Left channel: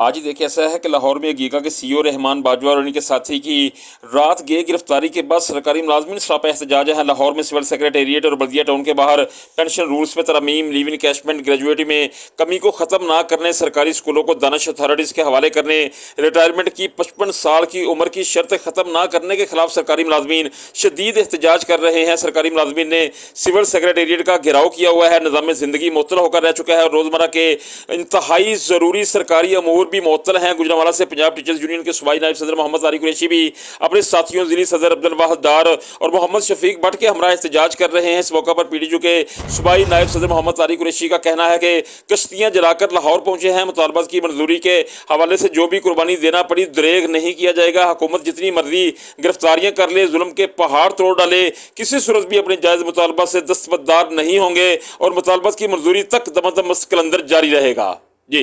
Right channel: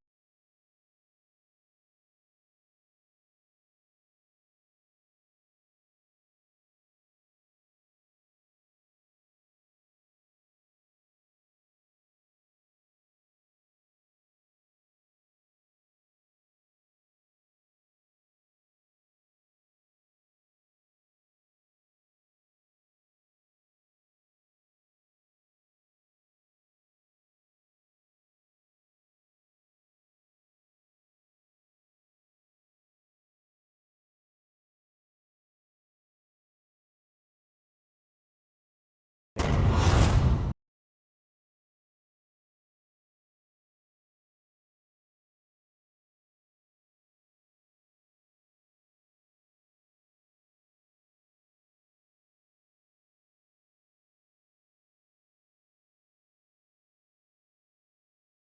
آج ہی دیکھیں ایسا ہے کہ لاہور میں گیگا کے سی او رحمان باجوہ اور ان کے ساتھی کی رات گئے گرفتاری کے بعد سرکاری ملازمین سراپا احتجاج ہے۔ لاہور میں سول سیکریٹریٹ اور بلدیہ ٹاؤن کے باہر پینشن رولز میں ترامیم، لیو انکیشمنٹ، گریجویٹی میں کمی کو ختم نہ کرنے، سرکاری اسکولوں کو دانش اتھارٹیز کے حوالے کرنے، ریٹائرمنٹ کی 55 سال کی عمر کی شرط ختم نہ کرنے کے خلاف سرکاری ملازمین شدید احتجاج کر رہے ہیں۔ سرکاری ملازمین نے سول سیکریٹریٹ کا گھیراؤ کیا ہوا ہے۔ نظام زندگی معطل ہو کر رہ چکا ہے اور روزمرہ کے انتہائی ضروری سرکاری امور بھی معطل ہیں۔ گجرانوالہ سے پنجاب ٹیچرز یونین کے صوبائی نائب صدر محمد طارق قریشی بھی اپنے ساتھیوں ضلعی صدر عبدالواحد ڈار اور محمد شفیق بٹ کے ہمراہ احتجاج کر رہے ہیں۔ اس موقع پر پی ڈی جو کے صوبائی نائب صدر محمد طارق قریشی کا کہنا ہے کہ کشتیاں جلا کر لاہور پہنچے ہیں، مطالبات کی منظوری کے حوالے سے جو بھی قربانی دینا پڑی دریغ نہیں کیا جائے گا۔ حکومت جتنی مرضی گرفتاریاں کر لے، ظلم کے پہاڑ توڑ ڈالے، کسی صورت بھی اپنے جائز مطالبات سے دستبردار نہیں ہوں گے اور مطالبات کی منظوری تک دم قلندر جاری رہے گا۔